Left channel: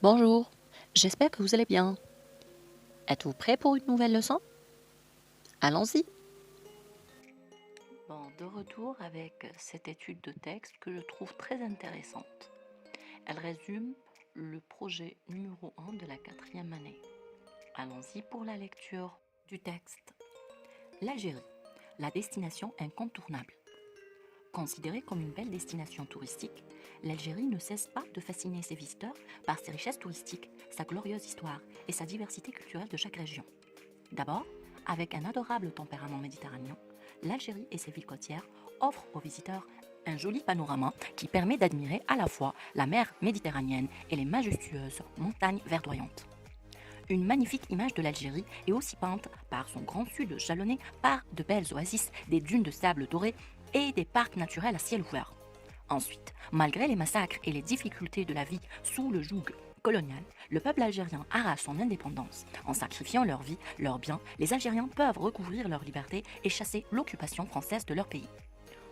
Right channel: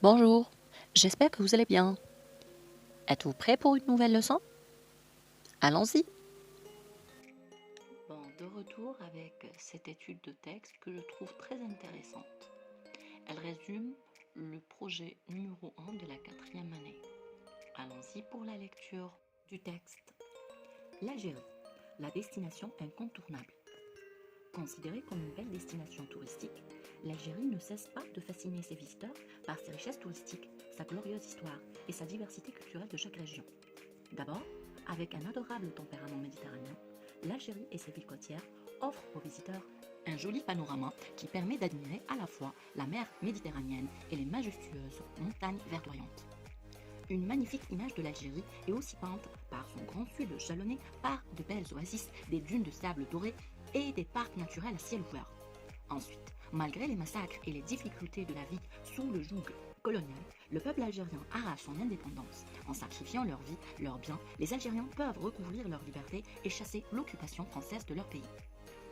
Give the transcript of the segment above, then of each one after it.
Bonjour, j'espère que vous allez bien. Êtes-vous prêt pour une nouvelle leçon? Allons-y. Bon, de retour avec cette étude de texte que je trouve très intéressante. Elle résume le projet numéro 1 de la 4e année. Allons-y pour la lecture du texte. L'Algérie, la destination incontournable. Considérée comme une belle destination touristique, l'Algérie ne cesse pas de fasciner ses visiteurs par ses richesses touristiques, sa glorieuse histoire et sa diversité culturelle de chaque région. D'abord, avec un adorable tempérament méditerranéen, l'Algérie et ses villes côtières offrent aux visiteurs un joli panorama qui permet d'admirer à la fois la mer Méditerranéenne et les majestueuses montagnes verdoyantes. Une magnifique image de l'Algérie est aussi peinte par son grand sud jalonné par de belles oasis, des dunes de sable doré et des parcs naturels à ciel ouvert. Ensuite, malgré les massacres et les difficultés de la vie sous le joug colonial, le peuple algérien arrache son indépendance. En sacrifiant leur vie, leurs biens, les Algériens peuvent recouvrir leur liberté et chasser l'occupation française de leur pays.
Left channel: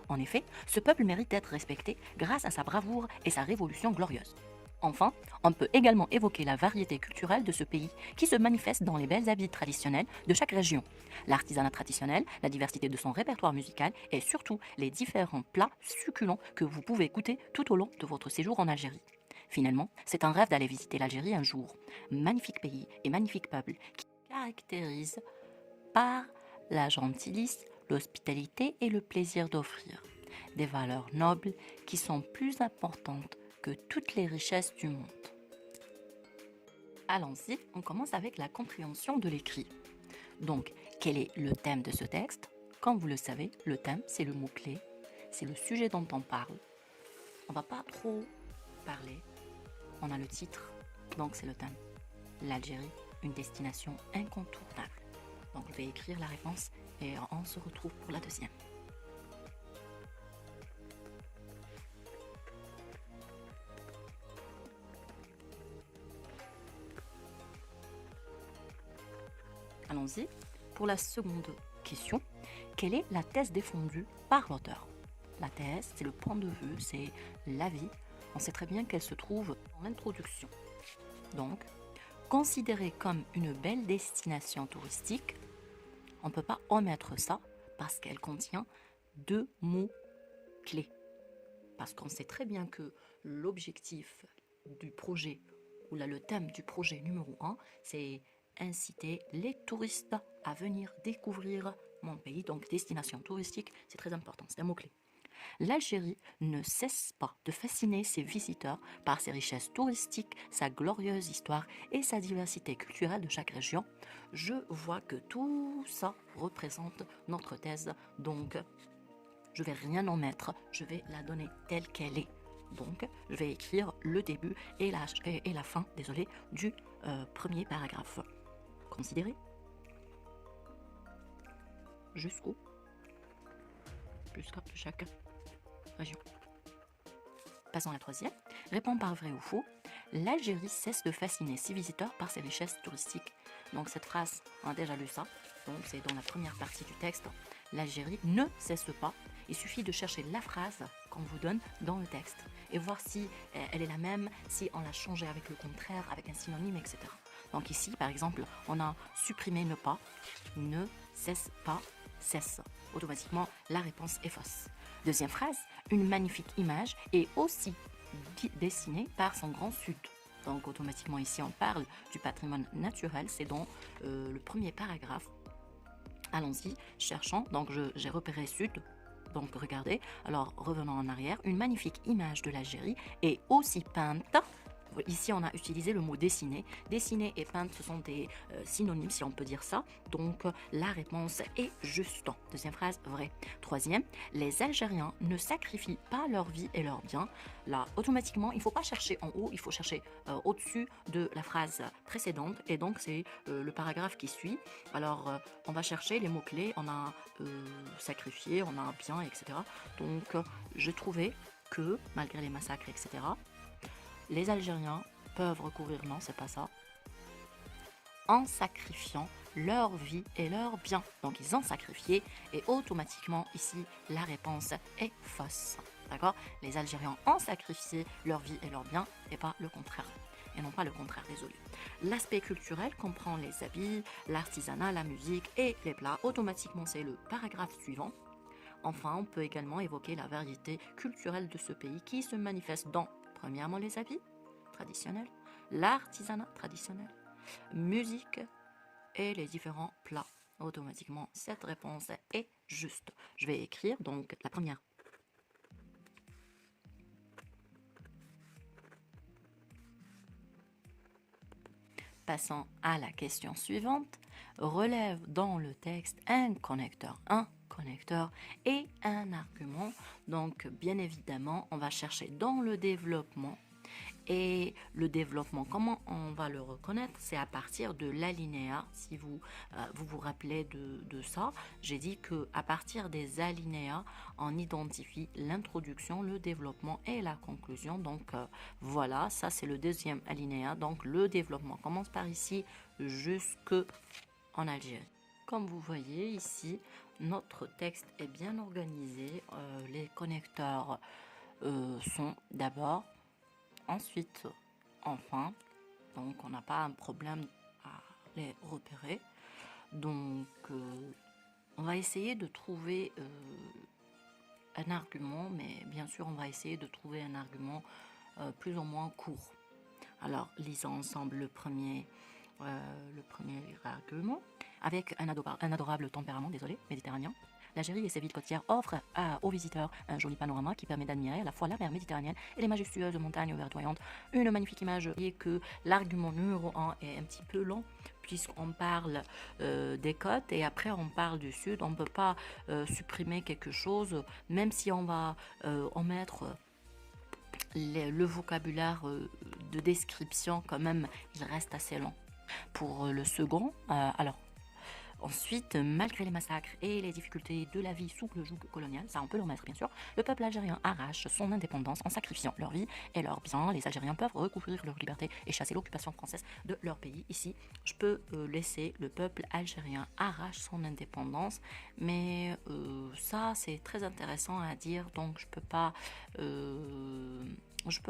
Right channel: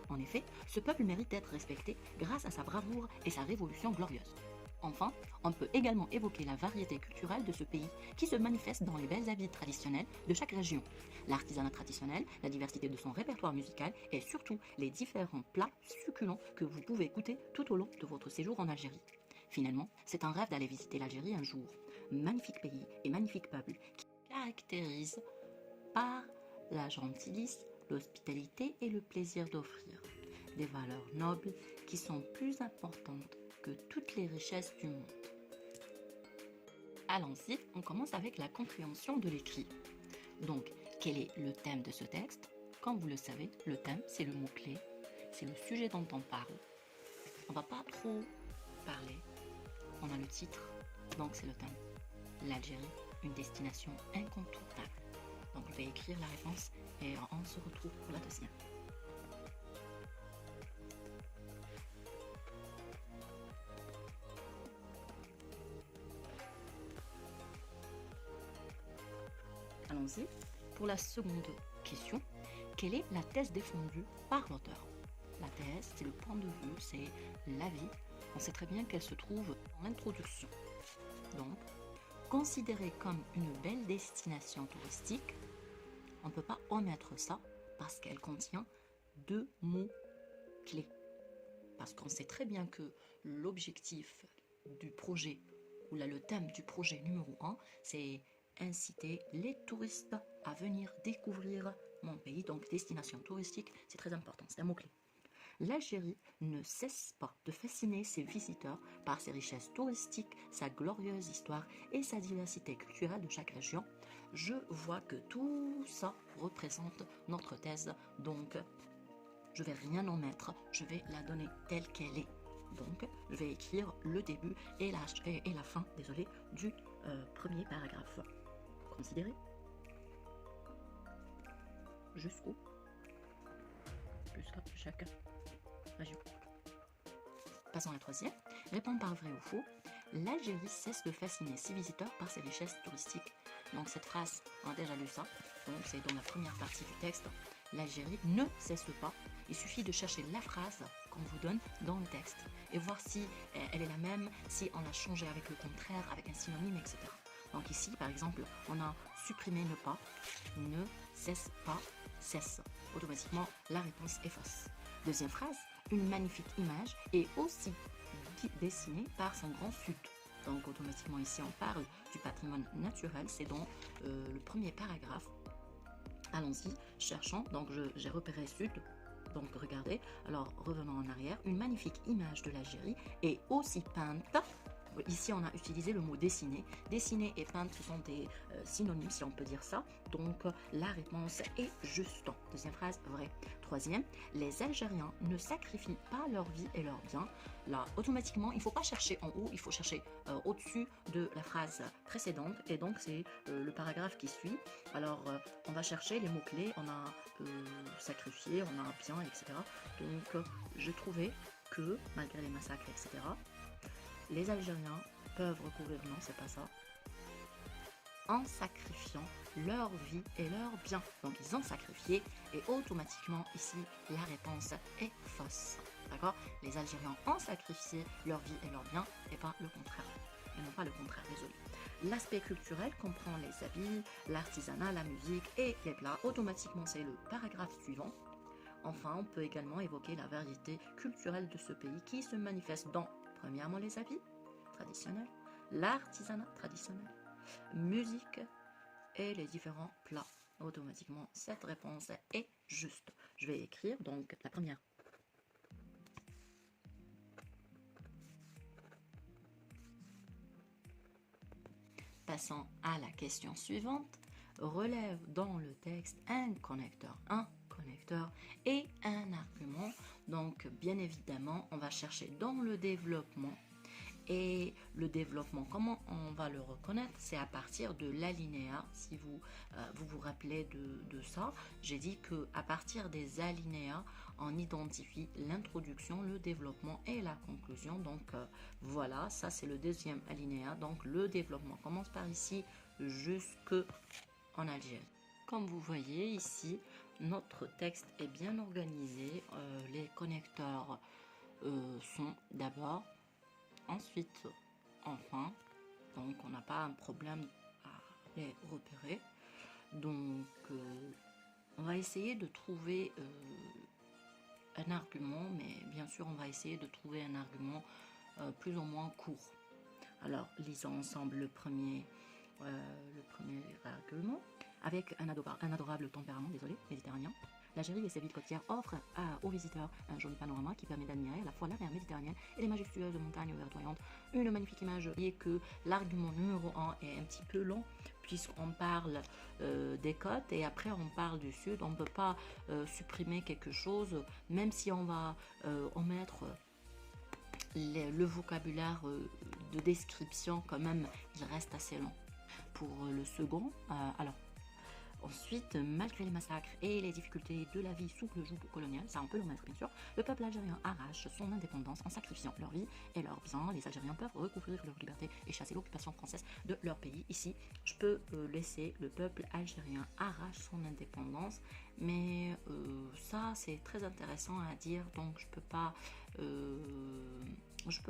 En effet, ce peuple mérite d'être respecté grâce à sa bravoure et sa révolution glorieuse. Enfin, on peut également évoquer la variété culturelle de ce pays qui se manifeste dans les belles habits traditionnels de chaque région, l'artisanat traditionnel, la diversité de son répertoire musical et surtout les différents plats succulents que vous pouvez goûter tout au long de votre séjour en Algérie. Finalement, c'est un rêve d'aller visiter l'Algérie un jour. Magnifique pays et magnifique peuple qui se caractérise par la gentillesse, l'hospitalité et le plaisir d'offrir. Des valeurs nobles qui sont plus importantes que toutes les richesses du monde. Allons-y, on commence avec la compréhension de l'écrit. Donc, quel est le thème de ce texte? Comme vous le savez, le thème, c'est le mot-clé, c'est le sujet dont on parle. On ne va pas trop parler. On a le titre, donc c'est le thème. L'Algérie, une destination incontournable. Donc, je vais écrire la réponse et on se retrouve pour la deuxième. Allons-y. Pour la seconde question, quelle est la thèse défendue par l'auteur? La thèse, c'est le point de vue, c'est l'avis. On sait très bien qu'elle se trouve dans l'introduction. Donc, considérée comme une belle destination touristique, on ne peut pas omettre ça parce qu'elle contient deux mots clés. Parce qu'on sait très bien que l'objectif du projet, ou là le thème du projet numéro 1, c'est inciter les touristes à venir découvrir mon pays, donc destination touristique, c'est très important, c'est un mot-clé. L'Algérie ne cesse pas de fasciner ses visiteurs par ses richesses touristiques, sa glorieuse histoire et sa diversité culturelle de chaque région. Je vois que tout ça représente notre thèse, donc je vais rien en mettre, je vais la donner telle qu'elle est. Donc, je vais écrire le début et la fin, du premier paragraphe. Considérez jusqu'à chaque région. Passons à la troisième. Réponds par vrai ou faux. L'Algérie cesse de fasciner ses visiteurs par ses richesses touristiques. Donc cette phrase, on a déjà lu ça. Donc c'est dans la première partie du texte. L'Algérie ne cesse pas. Il suffit de chercher la phrase qu'on vous donne dans le texte et voir si elle est la même, si on l'a changée avec le contraire, avec un synonyme, etc. Donc ici, par exemple, on a supprimé ne pas, ne cesse pas, cesse. Automatiquement, la réponse est fausse. Deuxième phrase, une magnifique image est aussi dessinée par son grand sud. Donc automatiquement ici on parle du patrimoine naturel, c'est dans le premier paragraphe. Allons-y, cherchons, donc j'ai repéré sud, donc regardez, alors revenons en arrière, une magnifique image de l'Algérie est aussi peinte. Ici, on a utilisé le mot dessiner. Dessiner et peindre, ce sont des synonymes, si on peut dire ça. Donc, la réponse est juste. Deuxième phrase, vrai. Troisième, les Algériens ne sacrifient pas leur vie et leurs biens. Là, automatiquement, il ne faut pas chercher en haut, il faut chercher au-dessus de la phrase précédente. Et donc, c'est le paragraphe qui suit. Alors, on va chercher les mots-clés. On a sacrifié, on a bien, etc. Donc, je trouvais que, malgré les massacres, etc., les Algériens peuvent recouvrir, non, c'est pas ça, en sacrifiant leur vie et leurs biens. Donc ils ont sacrifié et automatiquement ici la réponse est fausse. D'accord? Les Algériens ont sacrifié leur vie et leurs biens et pas le contraire. et non pas le contraire, désolé. L'aspect culturel comprend les habits, l'artisanat, la musique et les plats. Automatiquement, c'est le paragraphe suivant. Enfin, on peut également évoquer la variété culturelle de ce pays qui se manifeste dans, premièrement, les habits traditionnels, l'artisanat traditionnel, musique et les différents plats. Automatiquement, cette réponse est juste. Je vais écrire donc la première. Passons à la question suivante. Relève dans le texte un connecteur et un argument. Donc, bien évidemment, on va chercher dans le développement. Et le développement, comment on va le reconnaître? C'est à partir de l'alinéa. Si vous rappelez de ça, j'ai dit qu'à partir des alinéas, on identifie l'introduction, le développement et la conclusion. Donc voilà, ça c'est le deuxième alinéa. Donc le développement commence par ici jusqu'en Algérie. Comme vous voyez ici, notre texte est bien organisé. Les connecteurs sont d'abord, ensuite, enfin, donc on n'a pas un problème à les repérer. Donc, on va essayer de trouver un argument, mais bien sûr, on va essayer de trouver un argument plus ou moins court. Alors, lisons ensemble le premier argument. Avec un adorable tempérament, méditerranéen, l'Algérie et ses villes côtières offrent aux visiteurs un joli panorama qui permet d'admirer à la fois la mer Méditerranéenne et les majestueuses montagnes verdoyantes. Une magnifique image. Et que l'argument numéro 1 est un petit peu long puisqu'on parle des côtes et après on parle du sud. On ne peut pas supprimer quelque chose, même si on va omettre le vocabulaire de description, quand même, il reste assez long. Pour le second, ensuite, malgré les massacres et les difficultés de la vie sous le joug colonial, ça on peut le remettre bien sûr, le peuple algérien arrache son indépendance en sacrifiant leur vie et leurs biens. Les Algériens peuvent recouvrir leur liberté et chasser l'occupation française de leur pays. Ici, je peux laisser le peuple algérien arrache son indépendance, mais ça c'est très intéressant à dire, donc je peux pas,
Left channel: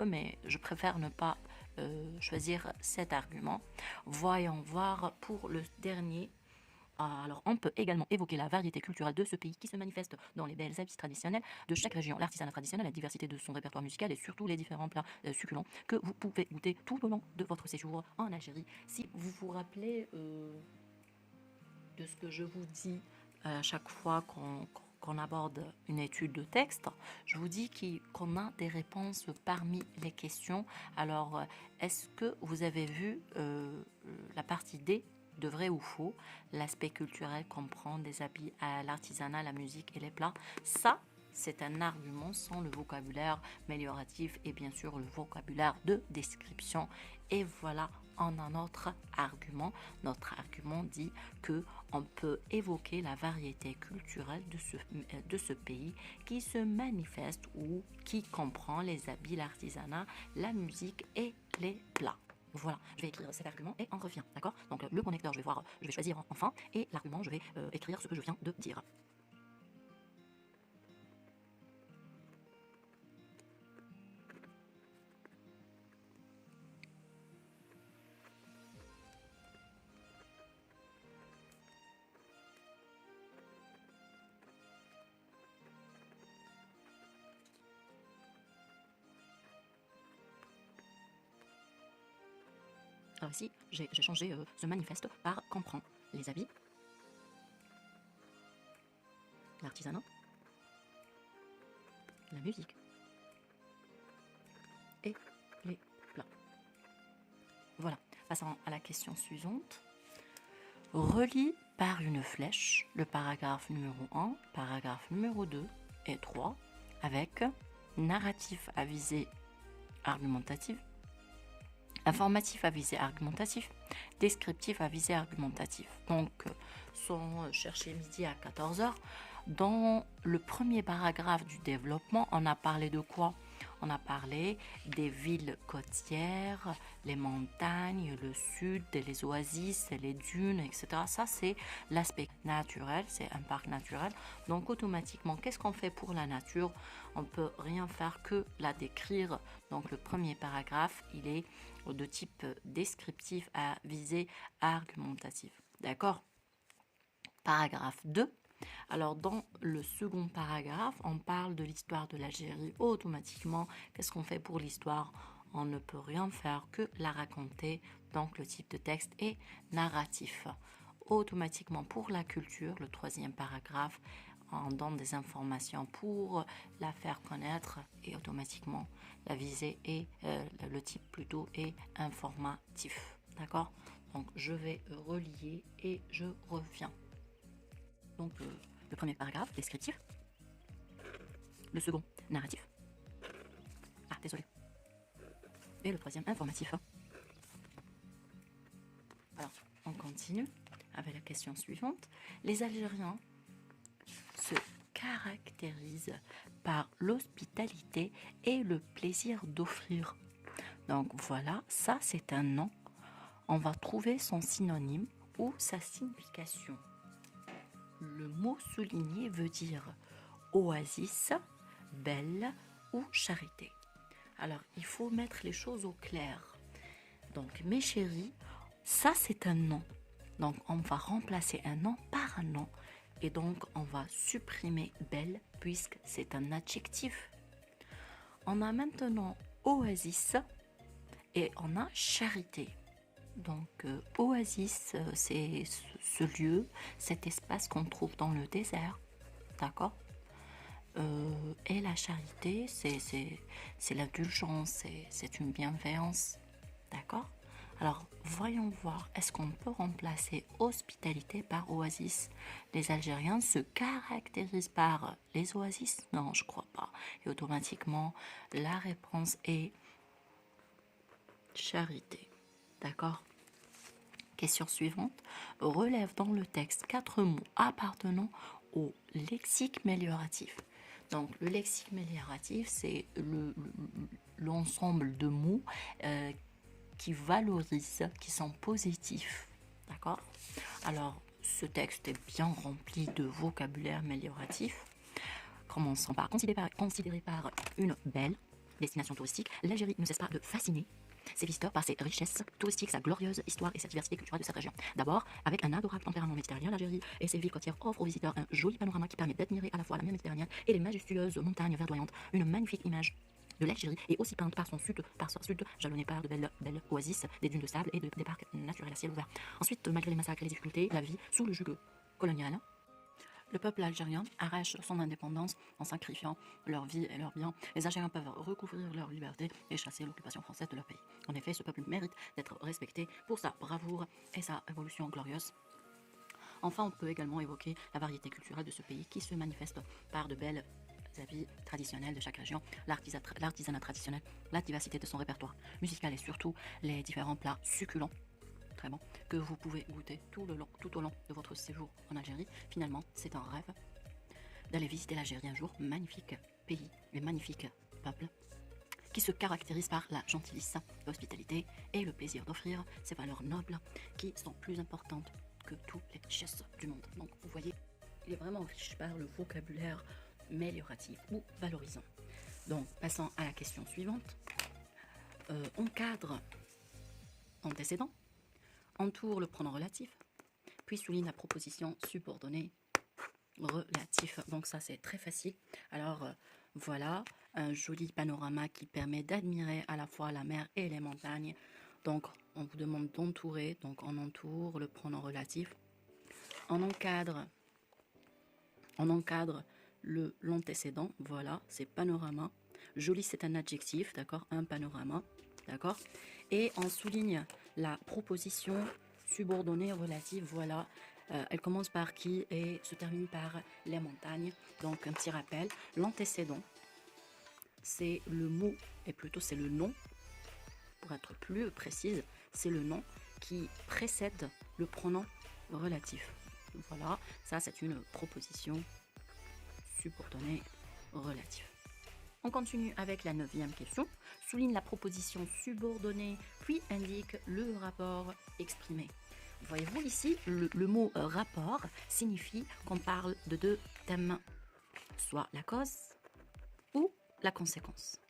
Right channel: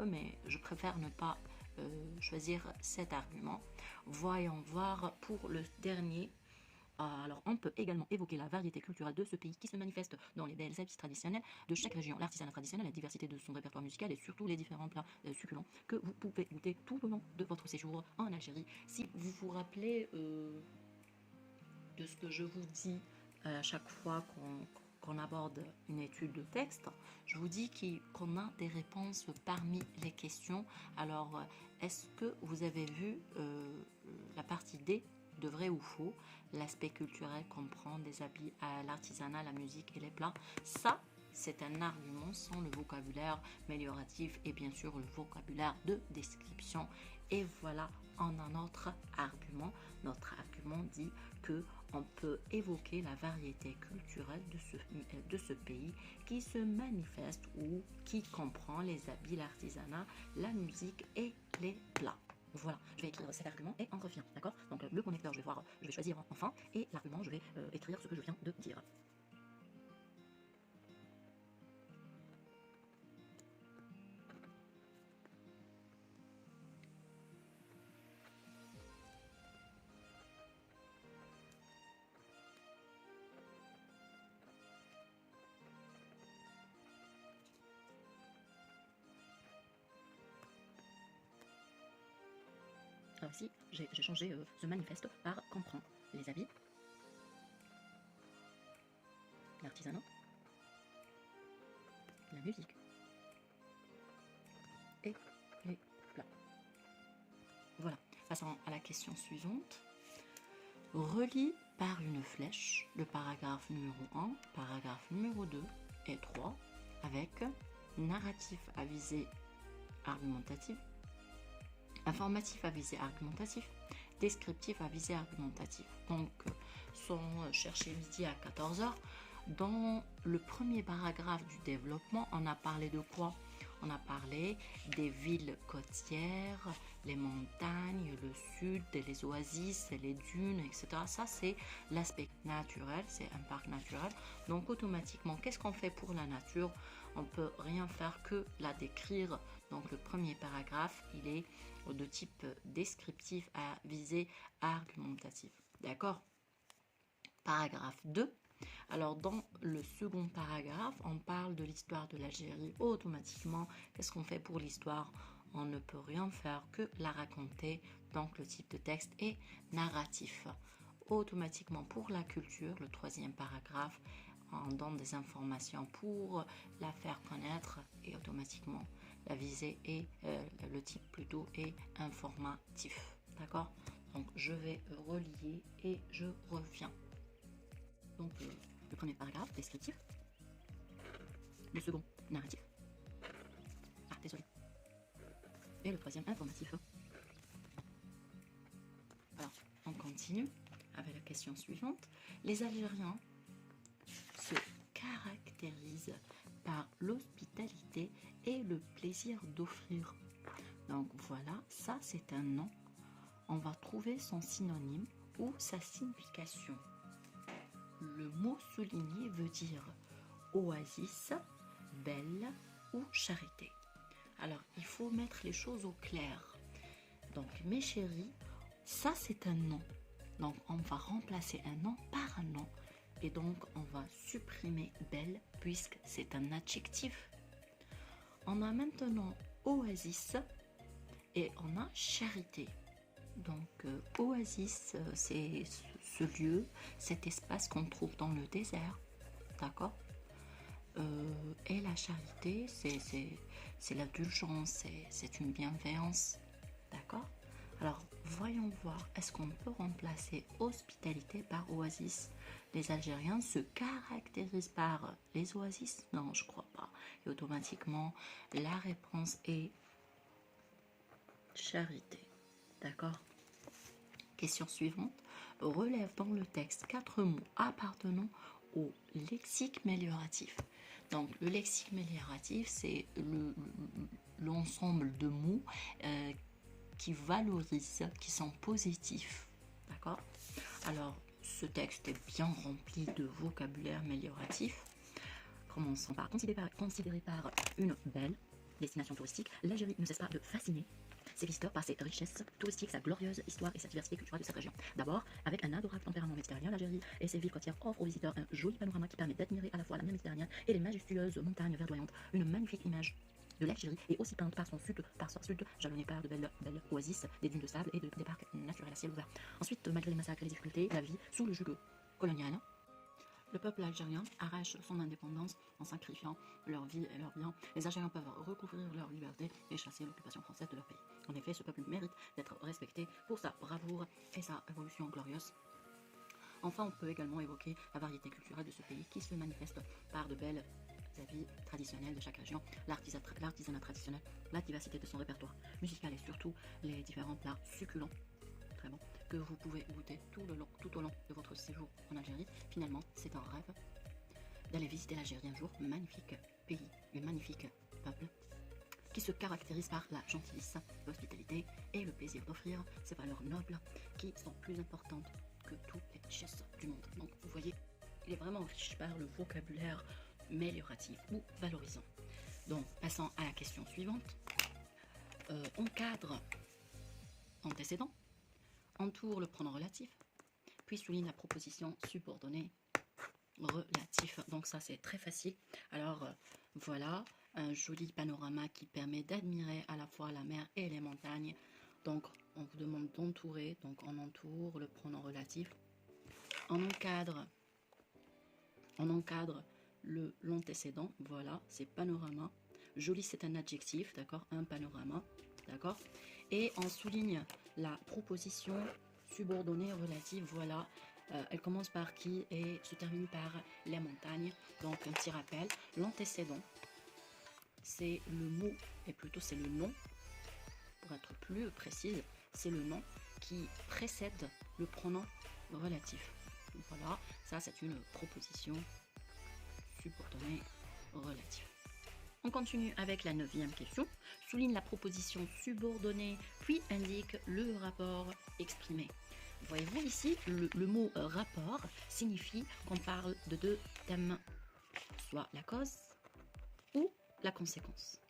mais je préfère ne pas choisir cet argument. Voyons voir pour le dernier. Alors, on peut également évoquer la variété culturelle de ce pays qui se manifeste dans les belles habits traditionnels de chaque région, l'artisanat traditionnel, la diversité de son répertoire musical et surtout les différents plats succulents que vous pouvez goûter tout au long de votre séjour en Algérie. Si vous vous rappelez de ce que je vous dis à chaque fois qu'on aborde une étude de texte, je vous dis qu'on a des réponses parmi les questions. Alors, est-ce que vous avez vu la partie D de vrai ou faux? L'aspect culturel comprend des habits à l'artisanat, la musique et les plats. Ça, c'est un argument sans le vocabulaire amélioratif et bien sûr le vocabulaire de description. Et voilà, on a notre argument. Notre argument dit que on peut évoquer la variété culturelle de ce pays qui se manifeste ou qui comprend les habits, l'artisanat, la musique et les plats. Voilà, je vais écrire cet argument et on revient, d'accord? Donc le connecteur, je vais choisir enfin, et l'argument, je vais écrire ce que je viens de dire. Alors ici, j'ai changé ce manifeste par comprend les habits, l'artisanat, la musique et les plats. Voilà, passons à la question suivante. Relie par une flèche le paragraphe numéro 1, paragraphe numéro 2 et 3 avec narratif à visée argumentative, informatif à visée argumentatif, descriptif à visée argumentative. Donc, sans chercher midi à 14h, dans le premier paragraphe du développement, on a parlé de quoi? on a parlé des villes côtières, les montagnes, le sud, les oasis, les dunes, etc. Ça, c'est l'aspect naturel, c'est un parc naturel. Donc, automatiquement, qu'est-ce qu'on fait pour la nature? On ne peut rien faire que la décrire. Donc, le premier paragraphe, il est de type descriptif à visée argumentative. D'accord? Paragraphe 2. Alors, dans le second paragraphe, on parle de l'histoire de l'Algérie. Automatiquement, qu'est-ce qu'on fait pour l'histoire? On ne peut rien faire que la raconter. Donc, le type de texte est narratif. Automatiquement, pour la culture, le troisième paragraphe, on donne des informations pour la faire connaître et automatiquement, la visée est, le type plutôt est informatif. D'accord? Donc, je vais relier et je reviens. Donc, le premier paragraphe, descriptif. Le second, narratif. Ah, désolé. Et le troisième, informatif. Alors, on continue avec la question suivante. Les Algériens se caractérisent par l'hospitalité et le plaisir d'offrir. Donc, voilà, ça c'est un nom. On va trouver son synonyme ou sa signification. Le mot souligné veut dire oasis, belle ou charité. Alors, il faut mettre les choses au clair. Donc, mes chéris, ça c'est un nom. Donc, on va remplacer un nom par un nom. Et donc, on va supprimer belle puisque c'est un adjectif. On a maintenant oasis et on a charité. Donc, oasis, c'est ce lieu, cet espace qu'on trouve dans le désert, d'accord? Et la charité, c'est l'indulgence, c'est une bienveillance, d'accord? Alors, voyons voir, est-ce qu'on peut remplacer hospitalité par oasis? Les Algériens se caractérisent par les oasis? Non, je crois pas. Et automatiquement, la réponse est charité, d'accord? Question suivante. Relève dans le texte 4 mots appartenant au lexique mélioratif. Donc, le lexique mélioratif, c'est l'ensemble de mots qui valorisent, qui sont positifs. D'accord? Alors, ce texte est bien rempli de vocabulaire mélioratif. Commençons par considéré par une belle destination touristique. L'Algérie ne cesse pas de fasciner ses visiteurs par ses richesses touristiques, sa glorieuse histoire et sa diversité culturelle de cette région. D'abord, avec un adorable tempérament méditerranéen, l'Algérie et ses villes côtières offrent aux visiteurs un joli panorama qui permet d'admirer à la fois la mer Méditerranée et les majestueuses montagnes verdoyantes. Une magnifique image de l'Algérie est aussi peinte par son sud jalonné par de belles oasis, des dunes de sable et des parcs naturels à ciel ouvert. Ensuite, malgré les massacres et les difficultés, la vie sous le joug colonial, le peuple algérien arrache son indépendance en sacrifiant leur vie et leurs biens. Les Algériens peuvent recouvrir leur liberté et chasser l'occupation française de leur pays. En effet, ce peuple mérite d'être respecté pour sa bravoure et sa évolution glorieuse. Enfin, on peut également évoquer la variété culturelle de ce pays qui se manifeste par de belles habits traditionnels de chaque région, l'artisanat traditionnel, la diversité de son répertoire musical et surtout les différents plats succulents très bon, que vous pouvez goûter tout au long de votre séjour en Algérie. Finalement, c'est un rêve d'aller visiter l'Algérie un jour. Magnifique pays et magnifique peuple qui se caractérise par la gentillesse, l'hospitalité et le plaisir d'offrir ces valeurs nobles qui sont plus importantes que toutes les richesses du monde. Donc, vous voyez, il est vraiment riche par le vocabulaire mélioratif ou valorisant. Donc, passons à la question suivante. Encadre antécédent, entoure le pronom relatif, puis souligne la proposition subordonnée relatif. Donc ça c'est très facile. Alors voilà un joli panorama qui permet d'admirer à la fois la mer et les montagnes. Donc on vous demande d'entourer, donc on entoure le pronom relatif. On encadre l'antécédent, voilà, c'est panorama. Joli c'est un adjectif, d'accord, un panorama, d'accord. Et on souligne la proposition subordonnée relative, voilà, elle commence par qui et se termine par les montagnes. Donc un petit rappel, l'antécédent, c'est le mot, et plutôt c'est le nom, pour être plus précise, c'est le nom qui précède le pronom relatif. Voilà, ça c'est une proposition subordonnée relative. On continue avec la 9e question. Souligne la proposition subordonnée, puis indique le rapport exprimé. Voyez-vous ici, le mot rapport signifie qu'on parle de deux thèmes, soit la cause ou la conséquence.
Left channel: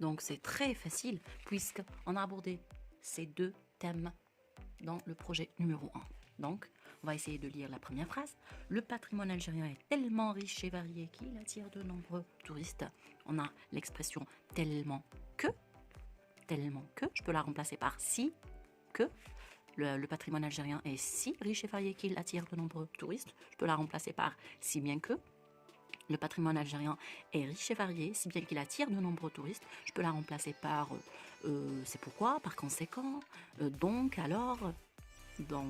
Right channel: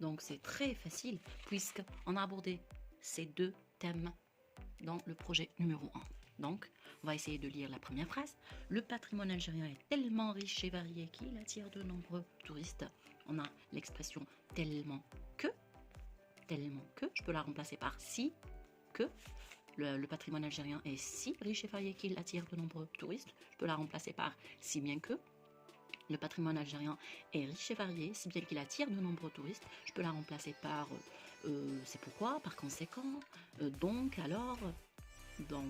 Donc c'est très facile puisqu'on a abordé ces deux thèmes dans le projet numéro 1. Donc, on va essayer de lire la première phrase. Le patrimoine algérien est tellement riche et varié qu'il attire de nombreux touristes. On a l'expression tellement que, je peux la remplacer par si que. Le patrimoine algérien est si riche et varié qu'il attire de nombreux touristes. Je peux la remplacer par si bien que. Le patrimoine algérien est riche et varié, si bien qu'il attire de nombreux touristes. Je peux la remplacer par c'est pourquoi, par conséquent, donc, alors. Donc,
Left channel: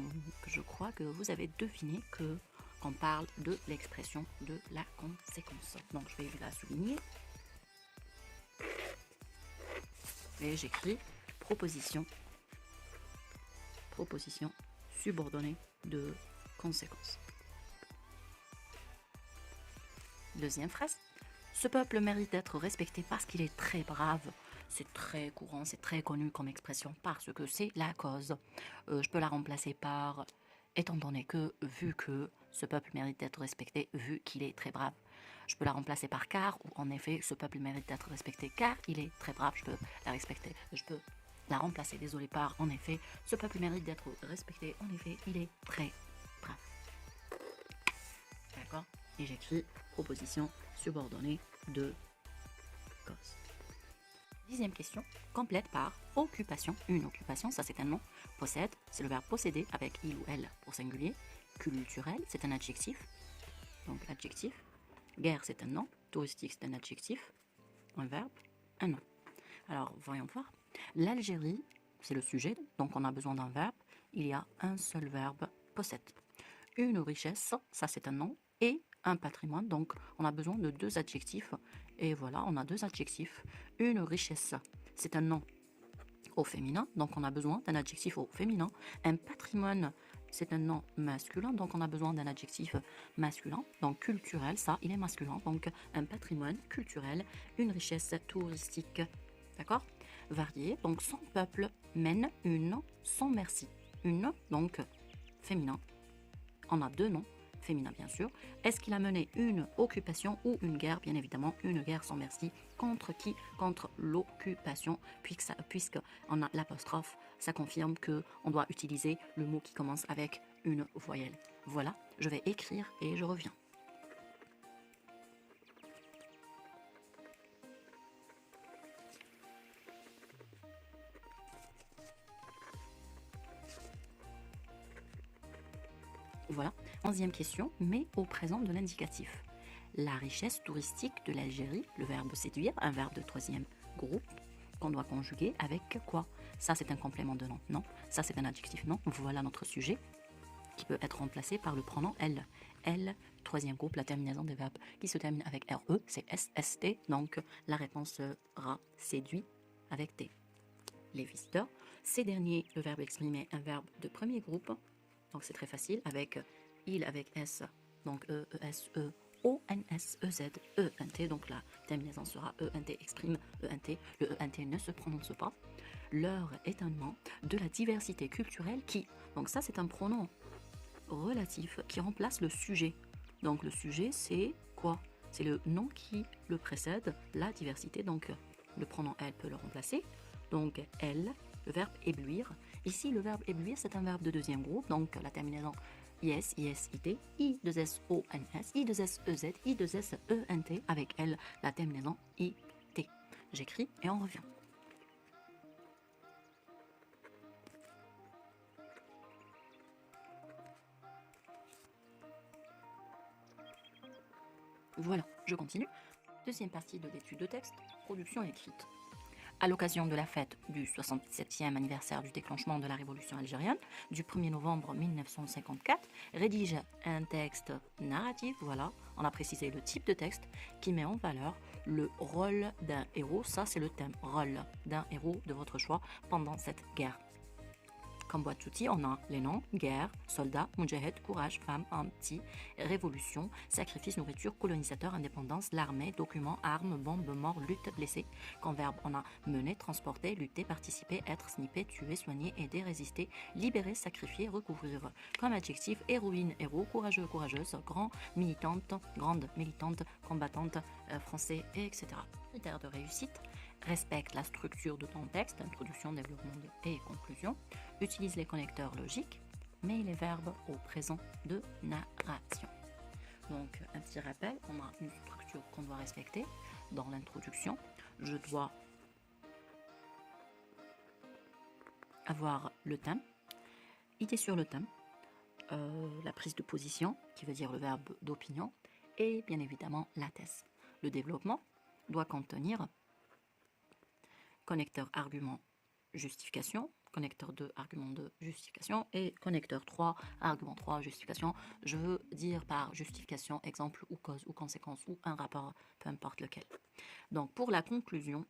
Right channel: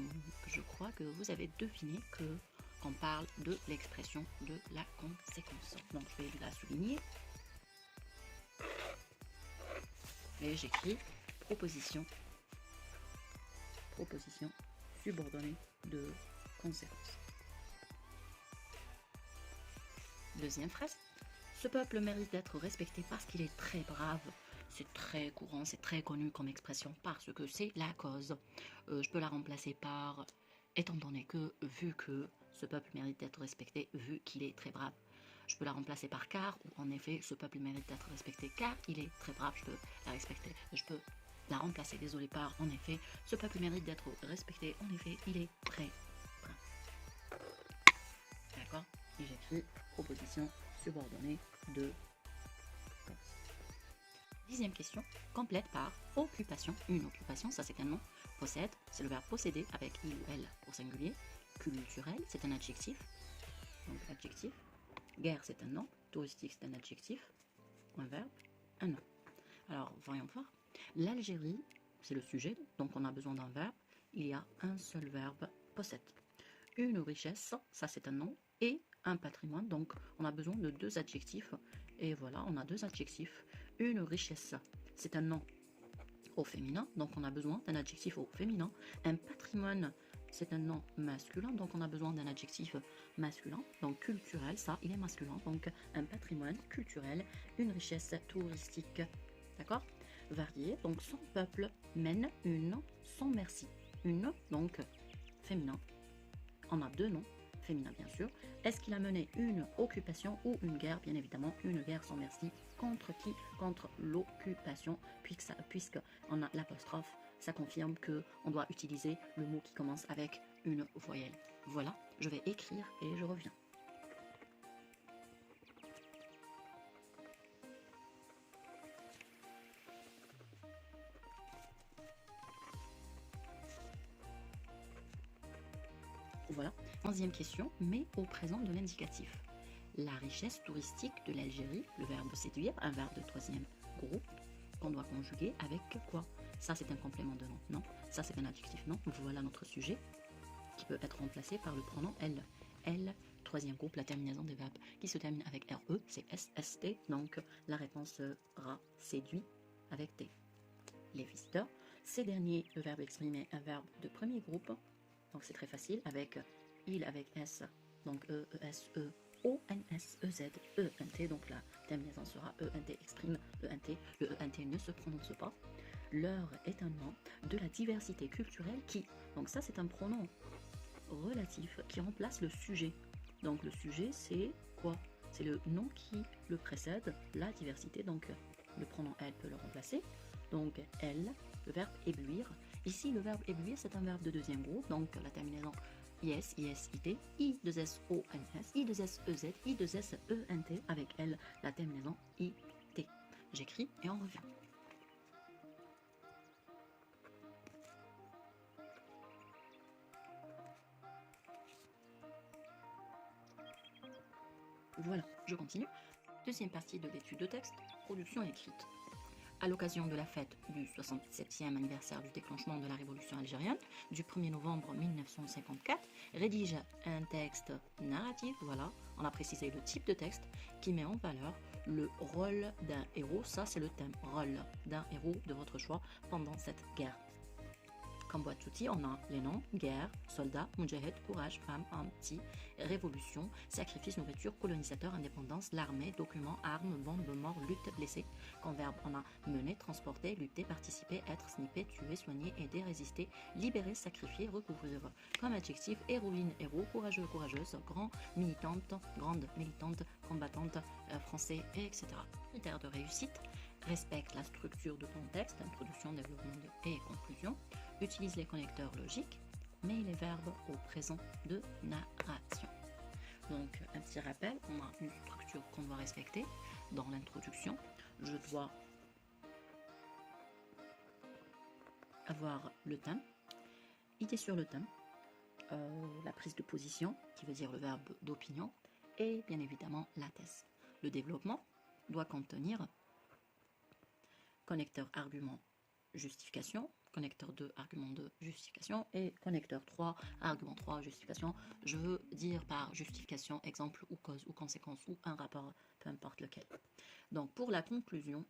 je crois que vous avez deviné qu'on parle de l'expression de la conséquence. Donc, je vais la souligner. Et j'écris proposition subordonnée de conséquence. Deuxième phrase. Ce peuple mérite d'être respecté parce qu'il est très brave. C'est très courant, c'est très connu comme expression parce que c'est la cause. Je peux la remplacer par étant donné que, vu que, ce peuple mérite d'être respecté, vu qu'il est très brave. Je peux la remplacer par car, ou en effet, ce peuple mérite d'être respecté car il est très brave. Je peux la respecter. Je peux la remplacer, désolé, par en effet, ce peuple mérite d'être respecté. En effet, il est très brave. D'accord? Et j'écris proposition subordonnée de cause. 10e question, complète par occupation. Une occupation, ça c'est un nom. Possède, c'est le verbe posséder avec il ou elle au singulier. Culturel, c'est un adjectif. Donc adjectif. Guerre, c'est un nom. Touristique, c'est un adjectif. Un verbe, un nom. Alors, voyons voir. L'Algérie, c'est le sujet, donc on a besoin d'un verbe. Il y a un seul verbe, possède. Une richesse, ça c'est un nom. Et un patrimoine, donc on a besoin de deux adjectifs. Et voilà, on a deux adjectifs. Une richesse, c'est un nom au féminin, donc on a besoin d'un adjectif au féminin. Un patrimoine, c'est un nom masculin, donc on a besoin d'un adjectif masculin. Donc culturel, ça, il est masculin, donc un patrimoine culturel, une richesse touristique, d'accord? Varié, donc son peuple mène une sans merci. Une, donc féminin. On a deux noms, féminin bien sûr. Est-ce qu'il a mené une occupation ou une guerre? Bien évidemment, une guerre sans merci. Contre qui? Contre l'occupation, puisqu'on a l'apostrophe, ça confirme qu'on doit utiliser le mot qui commence avec une voyelle. Voilà, je vais écrire et je reviens. Voilà, 11e question, mais au présent de l'indicatif. La richesse touristique de l'Algérie, le verbe séduire, un verbe de 3e groupe, qu'on doit conjuguer avec quoi? Ça, c'est un complément de nom, non? Ça, c'est un adjectif, non? Voilà notre sujet, qui peut être remplacé par le pronom elle. Elle, 3e groupe, la terminaison des verbes qui se termine avec RE, c'est SST, donc la réponse sera séduit avec T. Les visiteurs, ces derniers, le verbe exprimé, un verbe de premier groupe, donc c'est très facile, avec il avec S, donc E, ES, E, O, N, S, E, Z, E, N, T, donc la terminaison sera E, N, T, exprime E, N, T, le E, N, T ne se prononce pas. Leur est un nom de la diversité culturelle qui, donc ça c'est un pronom relatif qui remplace le sujet. Donc le sujet c'est quoi? C'est le nom qui le précède, la diversité, donc le pronom elle peut le remplacer. Donc elle, le verbe éblouir. Ici, le verbe éblouir, c'est un verbe de 2e groupe, donc la terminaison IS, IS, IT, I2S, O, N, S, I2S, EZ, I2S, E, N, T, avec elle, la terminaison IT. J'écris et on revient. Voilà, je continue. Deuxième partie de l'étude de texte, production écrite. À l'occasion de la fête du 67e anniversaire du déclenchement de la révolution algérienne, du 1er novembre 1954, rédige un texte narratif, voilà, on a précisé le type de texte, qui met en valeur le rôle d'un héros, ça c'est le thème, rôle d'un héros de votre choix pendant cette guerre. Comme boîte d'outils, on a les noms, guerre, soldats, mujahid, courage, femme, anti, révolution, sacrifice, nourriture, colonisateur, indépendance, l'armée, documents, armes, bombes, mort, lutte, blessé. Comme verbe, on a mener, transporter, lutter, participer, être, snipper, tuer, soigner, aider, résister, libérer, sacrifier, recouvrir. Comme adjectif, héroïne, héros, courageux, courageuse, grand, militante, grande, militante, combattante, français, etc. Critères de réussite. Respecte la structure de ton texte, introduction, développement et conclusion. Utilise les connecteurs logiques, mais les verbes au présent de narration. Donc, un petit rappel, on a une structure qu'on doit respecter. Dans l'introduction, je dois avoir le thème, idée sur le thème, la prise de position, qui veut dire le verbe d'opinion, et bien évidemment la thèse. Le développement doit contenir connecteur argument justification, connecteur 2 argument 2 justification et connecteur 3 argument 3 justification. Je veux dire par justification exemple ou cause ou conséquence ou un rapport, peu importe lequel. Donc pour la conclusion,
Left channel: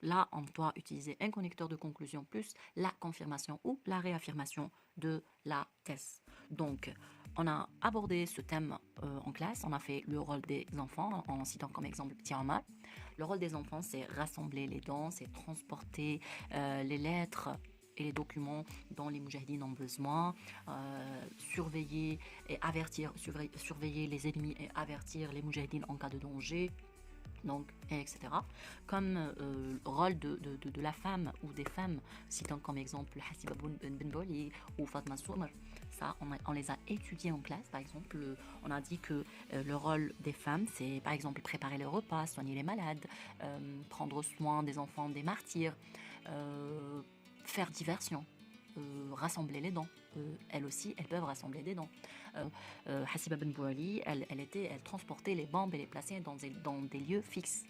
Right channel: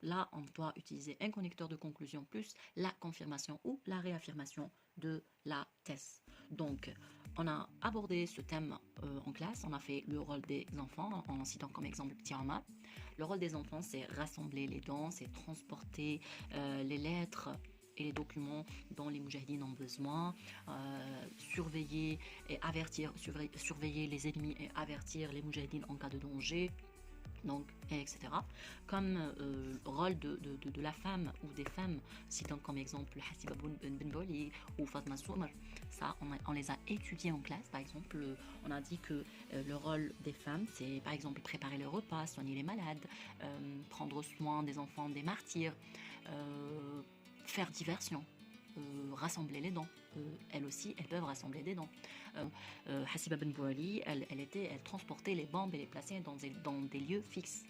là on doit utiliser un connecteur de conclusion plus la confirmation ou la réaffirmation de la thèse. Donc on a abordé ce thème en classe, on a fait le rôle des enfants en citant comme exemple Petit Omar. Le rôle des enfants, c'est rassembler les dons, c'est transporter les lettres et les documents dont les moujahidines ont besoin, surveiller et avertir, surveiller les ennemis et avertir les moujahidines en cas de danger, donc, etc. Comme rôle de la femme ou des femmes, citant comme exemple Hasiba Ben Boli ou Fatma Soumar. Ça, on les a étudiés en classe. Par exemple, on a dit que le rôle des femmes, c'est par exemple préparer les repas, soigner les malades, prendre soin des enfants des martyrs, faire diversion, rassembler les dons. Elles aussi, elles peuvent rassembler des dons. Hasiba Ben Bouali, elle transportait les bombes et les plaçait dans des lieux fixes.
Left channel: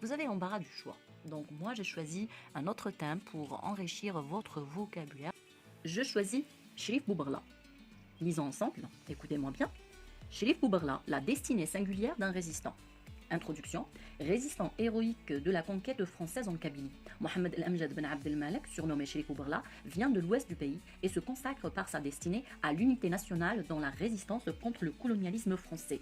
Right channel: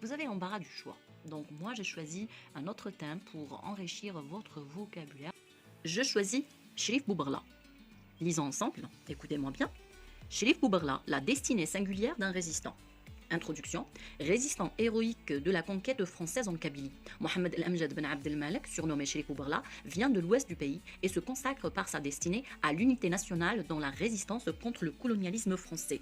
Vous avez l'embarras du choix. Donc moi, j'ai choisi un autre thème pour enrichir votre vocabulaire. Je choisis Cherif Boubarla. Lisons ensemble, écoutez-moi bien. Cherif Boubarla, la destinée singulière d'un résistant. Introduction. Résistant héroïque de la conquête française en Kabylie. Mohamed El-Amjad Ben Abdelmalek, surnommé Cherif Boubarla, vient de l'ouest du pays et se consacre par sa destinée à l'unité nationale dans la résistance contre le colonialisme français.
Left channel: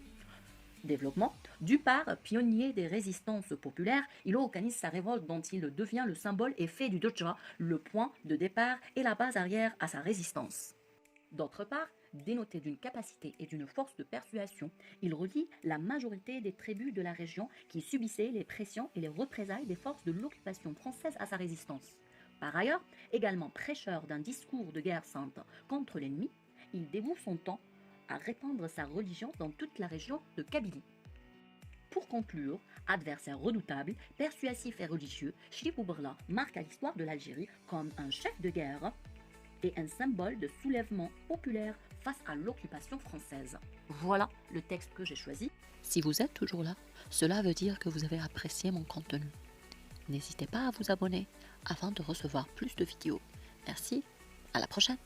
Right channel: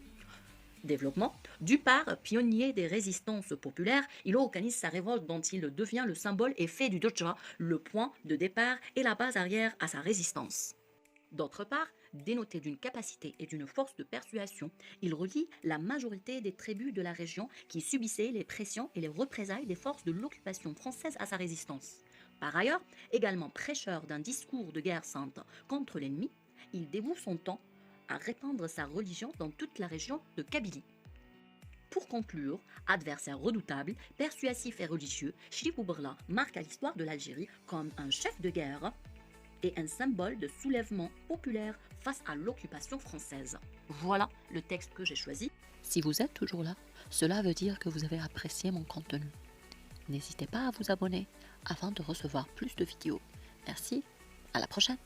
Développement. Du part pionnier des résistances populaires, il organise sa révolte dont il devient le symbole et fait du Dodja le point de départ et la base arrière à sa résistance. D'autre part, dénoté d'une capacité et d'une force de persuasion, il relie la majorité des tribus de la région qui subissaient les pressions et les représailles des forces de l'occupation française à sa résistance. Par ailleurs, également prêcheur d'un discours de guerre sainte contre l'ennemi, il dévoue son temps à répandre sa religion dans toute la région de Kabylie. Pour conclure, adversaire redoutable, persuasif et religieux, Cherif Boubarla marque à l'histoire de l'Algérie comme un chef de guerre et un symbole de soulèvement populaire face à l'occupation française. Voilà le texte que j'ai choisi. Si vous êtes toujours là, cela veut dire que vous avez apprécié mon contenu. N'hésitez pas à vous abonner afin de recevoir plus de vidéos. Merci, à la prochaine.